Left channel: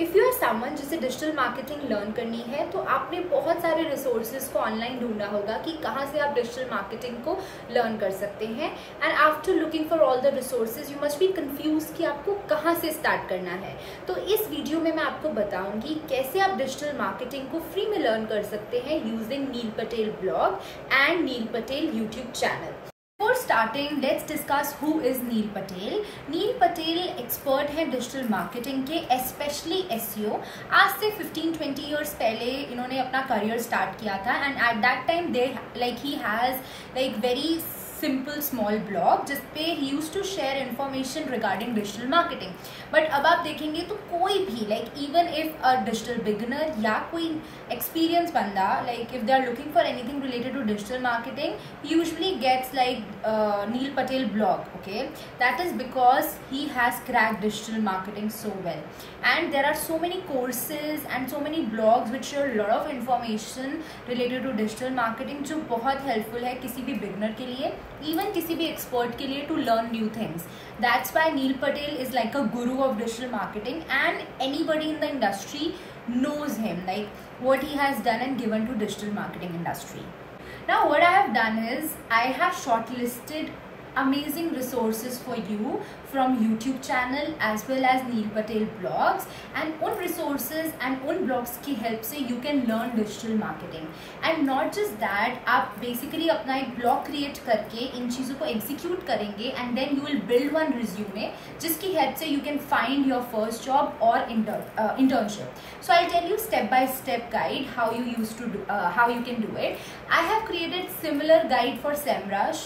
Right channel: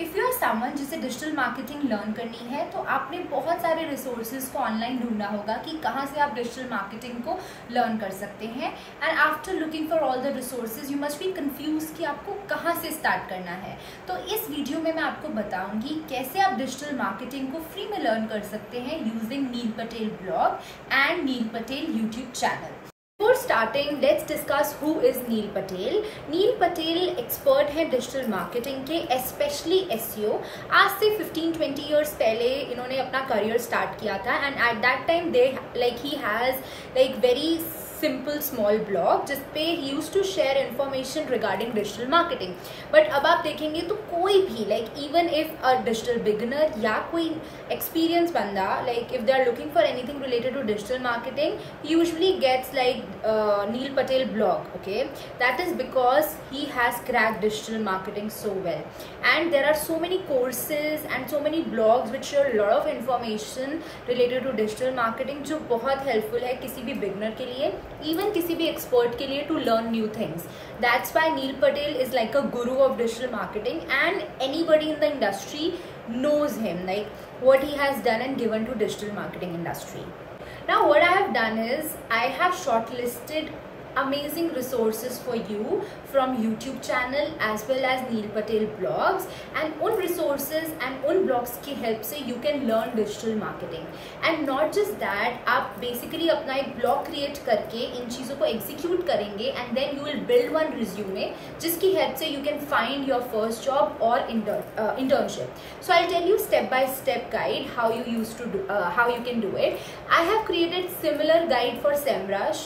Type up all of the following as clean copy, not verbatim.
If you are someone जिसे digital marketing learn करनी है तो आपने बहुत सारे रिसोर्सेज को ऑनलाइन ढूंढा होगा कि कहाँ से आप डिजिटल मार्केटिंग को लर्न कर सकते हैं। And after looking for all the resources you must be confuse कि आपको कहाँ से स्टार्ट करना है। तो इस वीडियो में मैं आपको बताऊंगी कैसे आप डिजिटल मार्केटिंग को फ्री में लर्न कर सकते हैं using Neil Patel blog and Neil Patel YouTube channel. Before starting, let's discuss who is Neil Patel. Neil Patel expert हैं डिजिटल मार्केटिंग के, स्पेशली SEO। आज से 15-20 ईयर्स पहले इन्होंने अपना करियर स्टार्ट किया था and at that time he has very simple small blog जिसपे he use to share information regarding digital marketing. But अब आप देखेंगे तो कोई भी even if a digital beginner या कोई एक्सपीरियंस बंदा if they are looking for anything related to digital marketing usually gets Neil Patel blog. Okay, that is because he has cracked digital marketing so well and there are so many courses and so many blogs which share lot of information related to digital marketing जो बहुत हेल्पफुल है किसी भी बिगिनर के लिए, even किसी भी एक्सपर्ट के लिए, to learn new things. That's why Neil Patel is like a guru of digital marketing and anybody in the industry knows him, what he has done and given to digital marketing industry. Now what I have done is I have shortlisted amazing resources for you from YouTube channel as well as Neil Patel blogs, and उन resources and उन blogs की help से you can learn digital marketing. And not just that, आप basically अपना एक blog create करके इन चीज़ों को execute करेंगे and then you will build one resume जिसकी help से you can find your first job or internship. So I'll tell you step by step guide how you can do it. I have created similar guide for SEMrush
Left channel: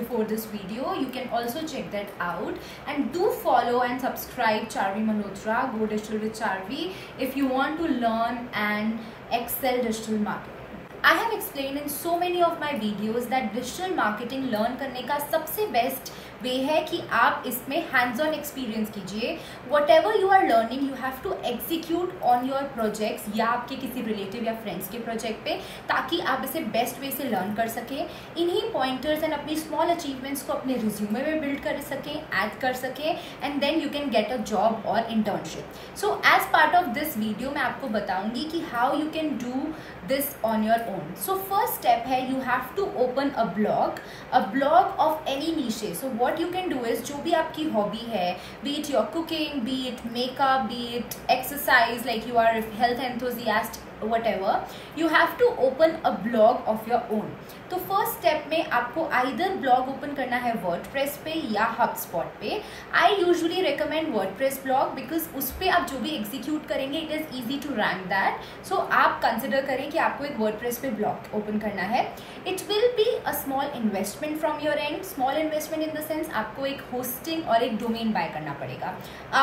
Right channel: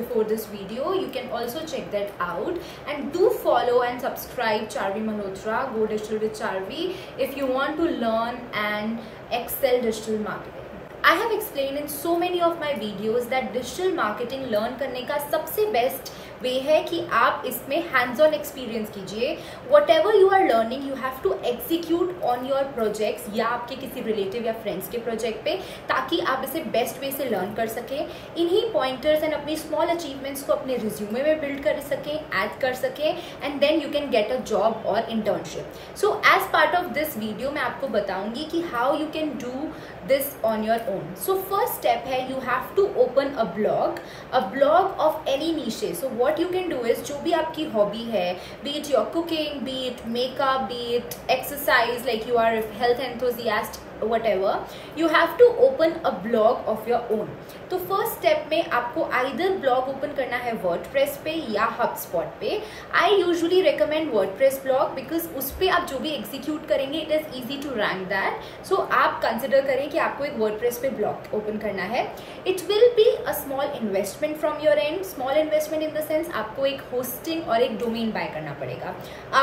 before this video. You can also check that out, and do follow and subscribe Charvi Malhotra, Go Digital with Charvi, if you want to learn and excel digital marketing. I have explained in so many of my videos that digital marketing learn करने का सबसे best way है कि आप इसमें hands on experience कीजिए। Whatever you are learning you have to execute on your projects या आपके किसी रिलेटिव या फ्रेंड्स के प्रोजेक्ट पे, ताकि आप इसे बेस्ट वे से लर्न कर सकें। इन्हीं पॉइंटर्स एंड अपनी स्मॉल अचीवमेंट्स को अपने रिज्यूमे में बिल्ड कर सकें, ऐड कर सकें, and then you can get a job और internship. So as part of this video मैं आपको बताऊंगी कि how you can do this on your own. So first step है you have to open a blog of any niche. So what you can do is जो भी आपकी हॉबी है, be it your cooking, be it makeup, be it exercise, you are a health enthusiast, whatever, you have to open a blog of your own. तो first step में आपको either blog open करना है वर्डप्रेस पे या हबस्पॉट पे। I usually recommend WordPress blog because उस पर आप जो भी एग्जीक्यूट करेंगे it is easy to rank that. So आप कंसिडर करें कि आपको एक वर्डप्रेस पे ब्लॉग ओपन करना है। It will be a small investment from your and, small investment in the sense आपको एक होस्टिंग और एक डोमेन बाय करना पड़ेगा।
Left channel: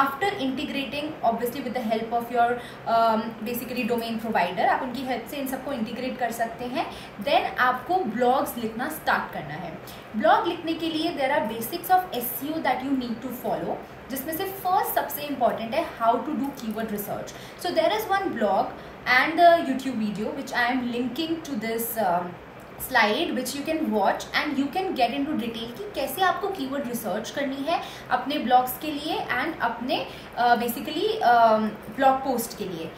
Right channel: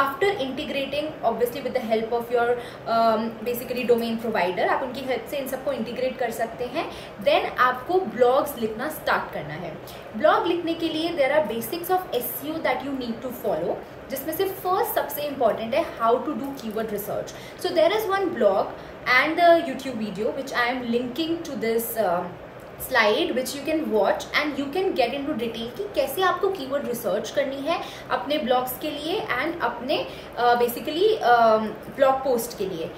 After integrating obviously with the help of your basically domain provider, आप उनकी हेल्प से इन सबको इंटीग्रेट कर सकते हैं। देन आपको ब्लॉग्स लिखना स्टार्ट करना है। ब्लॉग लिखने के लिए there are basics of SEO that you need to follow, जिसमें से फर्स्ट सबसे इंपॉर्टेंट है how to do keyword research. So there is one blog and YouTube video which I am linking to this slide which you can watch and you can get into detail कि कैसे आपको keyword research करनी है अपने ब्लॉग्स के लिए एंड अपने basically blog post के लिए।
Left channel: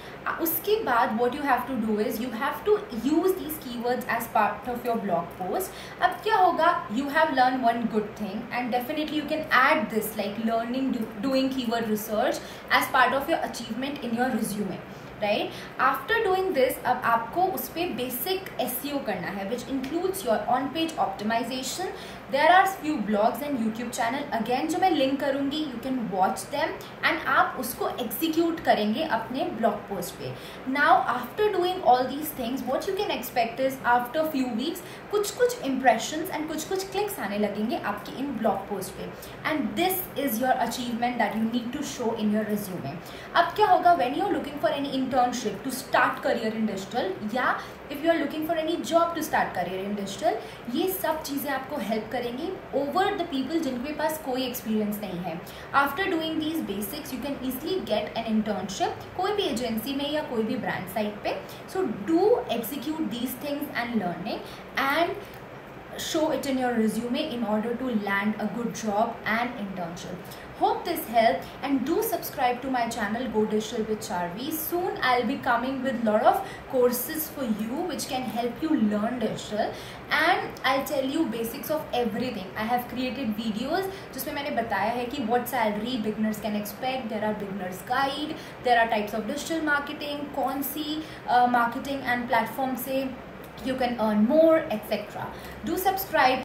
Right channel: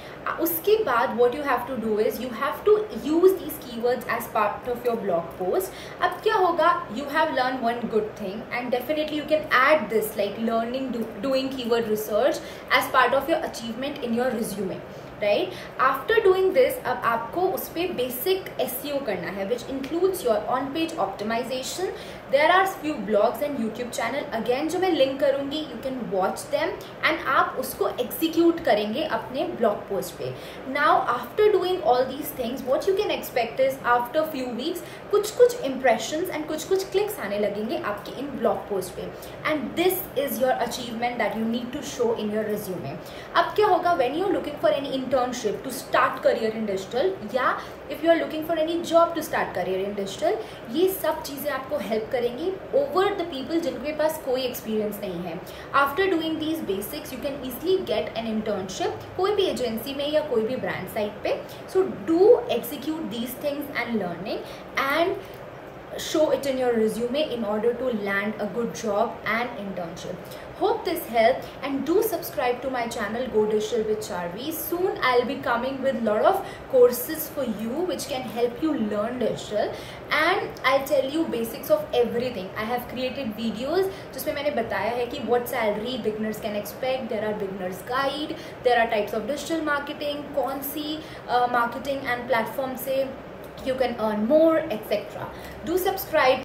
उसके बाद what you have to do is you have to use these keywords as part of your blog post. अब क्या होगा, you have learn one good thing and definitely you can add this learning doing keyword research as part of your achievement in your resume, right. After doing this अब आपको उस पर basic SEO करना है which includes your on page optimisation. There are few blogs and YouTube channel again जो मैं link करूंगी, you can watch them and आप उसको एग्जीक्यूट करेंगे अपने ब्लॉग पोस्ट पे। Now after doing all these things what you can expect is after few weeks कुछ impressions and कुछ क्लिक्स आने लगेंगे आपके इन ब्लॉग पोस्ट पे, and this is your achievement that you need to show in your resume. अब क्या होगा, when you are looking for any internship to start career in digital, या if you are looking for any job to start career in digital, ये सब चीज़ें आपको हेल्प करेंगी over the people जिनके पास कोई एक्सपीरियंस नहीं है। After doing these basics, you can easily get an internship कोई भी एजेंसी में या कोई भी ब्रांड साइट पे। So do execute these things and learning, and show it in your resume in order to land a good job and internship. Hope this helped, and do subscribe to my channel Go Digital with Charvi. Soon I'll be coming with lot of courses for you which can help you learn digital, and I'll tell you basics of everything. I have created videos जिसमें मैंने बताया है कि what salary beginners can expect, there are beginners guide, there are types of digital marketing, कौन सी marketing and platform से you can earn more, etc. Do subscribe.